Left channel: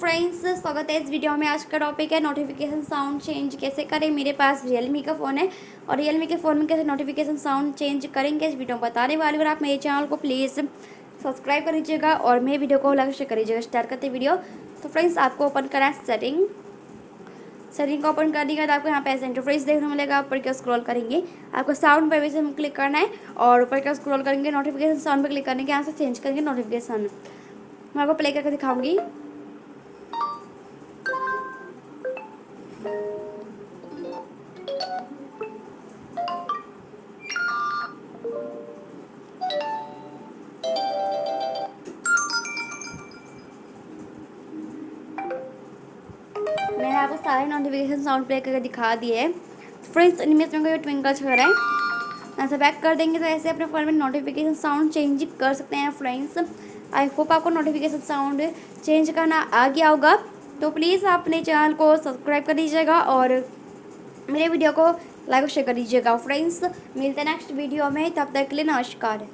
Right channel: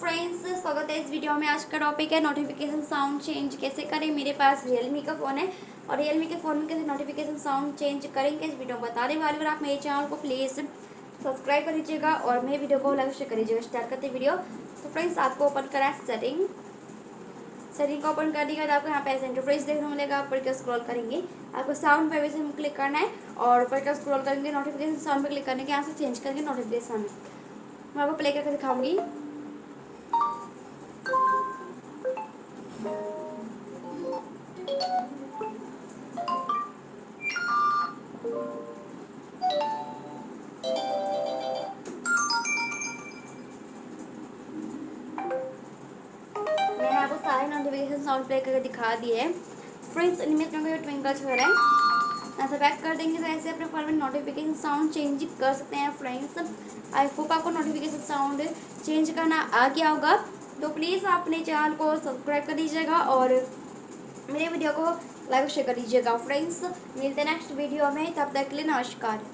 Friends, स्वागत है इस वीडियो में। आज का टॉपिक है नोटिफिकेशन साउंड चेंज कैसे करें। मेरे पास रियलमी का फ़ोन है और रियलमी के फ़ोन में कैसे नोटिफिकेशन साउंड चेंज करेंगे इस वीडियो में बताने वाले। और आप मेरे चैनल को प्लीज़ सब्सक्राइब कर लीजिएगा और मेरे वीडियो को लाइक शेयर कर लीजिएगा। स्टार्ट करते वीडियो। तो फ्रेंड्स, आपको ओपन करना है सेटिंग को ओपन करने के बाद आपको यहाँ पे ऐसे इंटरफेस देखने को मिलेगा। ऊपर का स्क्रॉल करेंगे, आपको साउंड परमिशन में क्लिक करना है और ऊपर का स्क्रॉल करेंगे, नोटिफिकेशन साउंड पे क्लिक करने के यहाँ से चेंज करेंगे नोटिफिकेशन। मैं आपको प्ले करके दिखाऊंगी। मैंने आपको सारे नोटिफिकेशन साउंड प्ले करके दिखा दिए हैं। फ्रेंड्स, इनमें से मेरे ट्विंकल चल रहा है, ऐसे बैक कर देंगे तो ऐसे अपने फ़ोन में नोटिफिकेशन साउंड चेंज कर सकते हैं। फ्रेंड्स, आई होप आपको नोटिफिकेशन साउंड चेंज करना आ गया होगा। तो प्लीज़ आप अपने चैनल को सब्सक्राइब कर दीजिएगा और मेरे वीडियो को लाइक और शेयर कर दीजिएगा। फ्रेंड्स, मिलते हैं नेक्स्ट वीडियो में, तब तक के लिए नमस्कार।